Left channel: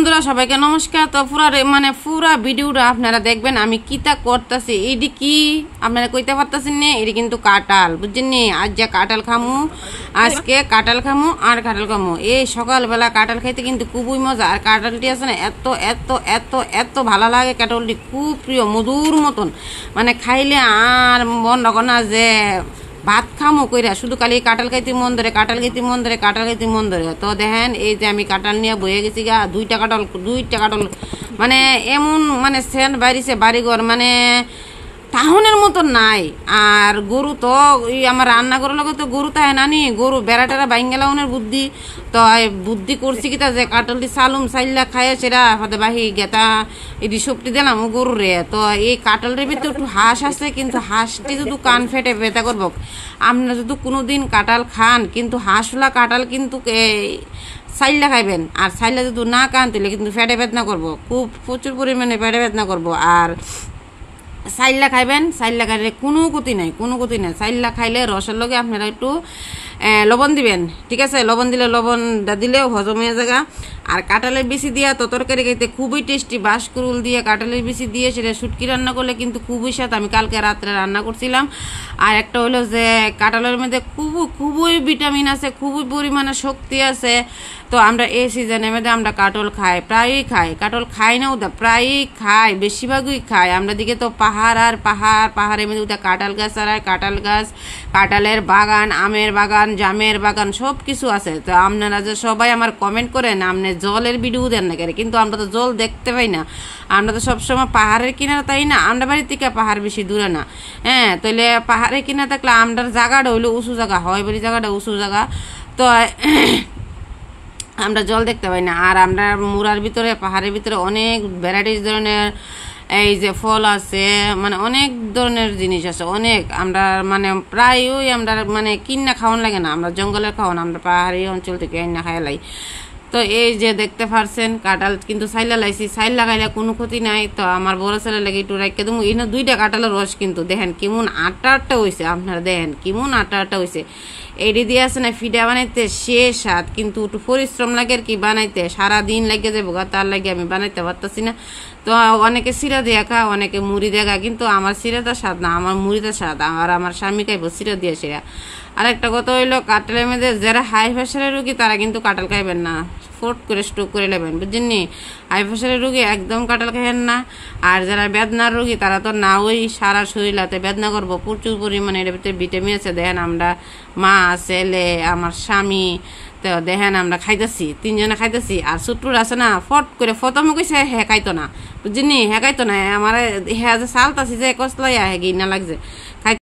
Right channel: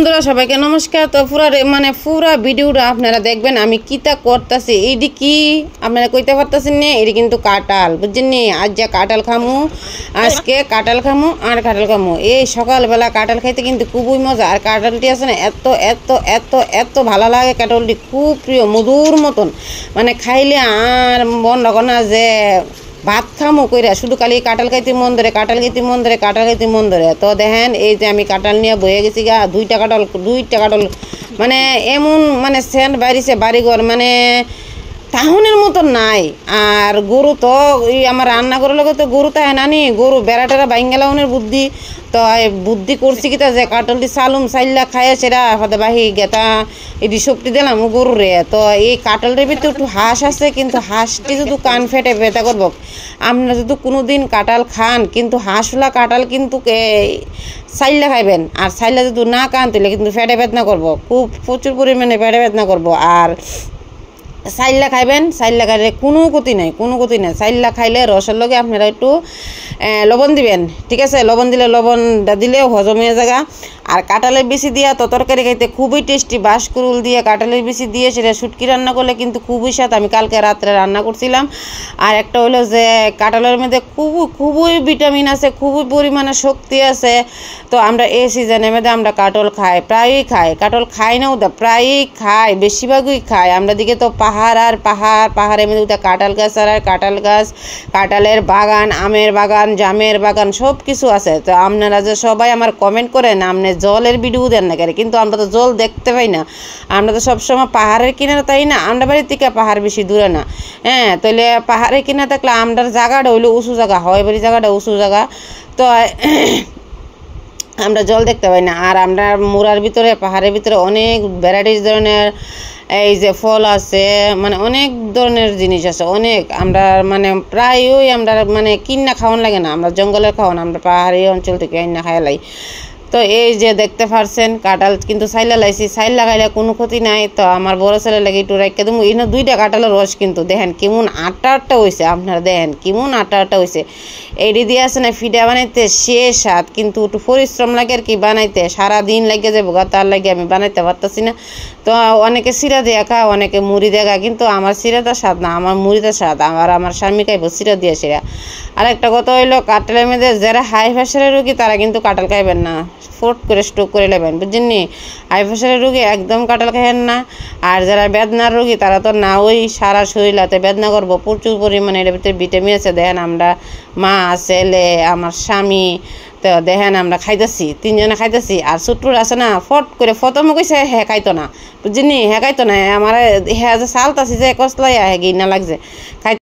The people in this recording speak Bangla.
বন্ধুরা সবাইকে নমস্কার। তো পুরা ভিডিওটা আপনারা দেখবেন আমি কিতা করতেছি। এইটি কি আপনারা কইতে পারতেছেন না, এটি কিন্তু কাঁঠাল, বুঝছেন নি? আজ যা কাঁঠাল খামু, আজকে কাঁঠাল খামু আর কাঁঠাল খামু। এই সকালবেলা কাঁঠাল খাইতে কিন্তু খুবই মজা। আর কাঁঠালটি আছে না এত এত এত এত ভালো লাগে, কাঁঠালটি খুব প্রিয়, মধুর মতন। মানে খাইলে আর মন রাখো না যে ভাত খামো কইরা, শুধু খালি কাঁঠাল খাইতে মন ধরে, কাঁঠাল খাইতে মন ধরে, কাঁঠাল খাইতে মন ধরে। তো দেখেন এই যে আমি কাঁঠাল নিয়ে বয়ে গেছি গা, দুইটা কাঁঠাল মানে এমন মানে সেন্ট বাইরেছে বাড়িঘর, মানে টাউনের মতন নাই। আর গরু তো আমার রান্না করার লগে তো গরু তাই নানি, গরু বেড়াটেরা বাইঙ্গালাউনের বুদ্ধি। তো বুদ্ধি করছি কিতা যে কাঁঠালটি চালুম চাইলা খাইয়া সেরা হতে বাহি গেতা এটি সবটি দিলাম গরুরে। তো এই কাঁঠালটির ভিতরে একটু হাঁস আছে, কিন্তু হাঁসটি যদি কান ফেটে ব্যথা করবো। আপনারা যদি কোনো দিন কাঁঠাল খান, কিন্তু হাঁসওয়ালা কাঁঠাল কিন্তু চাইলা খাইবেন। আর চাইলা যদি না খান তাহলে কিন্তু ফেটে বেদনা করবো, খুব প্রচুর পরিমাণে ফেটে বেদনা করবো। আর চাইল্লা খাইবেন, চাইল্লা খাইলে কোনো ক্ষতি নাই, কোনো ক্ষতি নাই। চাইল্লা খাইলে রসের লগে আপনারা একটু লবণ দিবেন, ঠিক আছে? লবণ দিলে লবণটা দিলেও হজম হয়ে যাগা। আর কাঁঠালের বেশি দিয়া তো তরকারি খাইতে খুবই টেস্টি। বাঁশকুড়ুল দিয়ে কাঁঠালের বেশি দিয়ে সেটা শুটকি রান্না করলে কিন্তু খুবই স্বাদ। আমি কালকে রাত্রে রান্না করছিলাম। আর একটা হলো যে কাঁঠালের মধ্যে খুবই ভিটামিন আছে, খুবই পরিমাণে শক্তি আছে। তো আমরা এই সিজনের মধ্যে আমরা কাঁঠাল খাই, প্রায়ই খাই। কাঁঠাল খাই না ওটা, প্রায়ই খাই, বেশিরভাগই খাই। আমরা দিকে তো পাহাড় আর পাহাড়ের মধ্যে ওটা কাঁঠাল গাছ আর কাঁঠাল গাছ, কাঁঠালের বাগান, আমের বাগান, জামের বাগান, সব কিছু আছে। তো আপনারা যে সবাই আমার কমেন্ট করেন আপনি জলের ভিডিও দেন না কেন, কিন্তু আমরা তো জল দেখতে পাই না। আমরা তো সবসময় পাহাড়ের কিনারে, তাই না? আমরা বাড়ির থেকে পাহাড় বেশি দূরে না। হ্যাঁ, তাহলে পাহাড়ের কিনারে থাকলে আমরার জায়গাটা হইলো উঁচু জায়গা, হয় বাড়ির জায়গাটা উঁচু জায়গা। তো আমরা জল দেখতে পাই না। আর আমরা মোড়ার ভিতরে, পাহাড়ের ভিতরে অনেক ভ্যারাইটিস ধরনের এই যে ফল আছে, মানে অনেক ধরনের জিনিস আছে অনেক। আমরা মানে প্রায়ই আমরা মানে কিনা খাওয়ান লাগে না, আমরা জঙ্গলের খাওয়ান, আমরা পাহাড়ি অঞ্চল থেকে কিনা খাইলাই। তো এই যে দেখতে পারছেন কাঁঠাল কিন্তু চাইলা লাইছি, চাইল লাগাইলে কোনো ক্ষতি নাই। তো আমার বড় ছেলে লাগে একটু রাখতে দেবো। এই না দুইটা কাঁঠালের রস কিন্তু দেখেন কেমন আটা হয়েছে, আপনারা দেখেন কেমন আটা হয়েছে। এইটি দিয়ে আছে না ফিডা বানাইতে সে স্বাদ, কিন্তু একটু পরিশ্রম লাগে আর কি বানাইতে, সারাদিন লাগে যাবো গা, তার লাগে আমি বানাইতে পারতেছি না। তো অনেকে সিরা দিয়ে খা, অনেকে মুড়ি দিয়ে খা, কিন্তু আমার সিরাটা স্বাদ না, আমার মুড়িটা স্বাদ। আমার স্বামী খাইব সিরা দিয়ে সিরা। আর একটা কথা হইলো কাঁঠালের মধ্যে যারা হাই প্রেশারের রোগী তারা কিন্তু কাঁঠাল খাইবেন না, ফোট করে স্ট্রোক করে নেবেন, বুঝছেন নি? হাই প্রেশারের রোগী একদম কাঁঠাল খাইবেন না। আর যারা বেদনার রোগী তারা তো না, ওই সারা শরীরাতে বেদনা করবো, প্রচুর পরিমাণে এর ভিতরে ভিটামিন আছে। দেখেন আমরা মা, ছেলে, আমার স্বামী, তো দেখেন আমরা খাইতেছি, তিনজনে খাইতেছি। আর ছোট্টুর আছে না ফট করে ফতমে কইছে হ্যাঁ খাইতো না, বুঝছেন নি? হ্যাঁ খাইতো না, আমার হ্যাঁ যে চালতাছি যে কসলাইয়া হ্যাঁ গিয়ে না লাগছে খাই।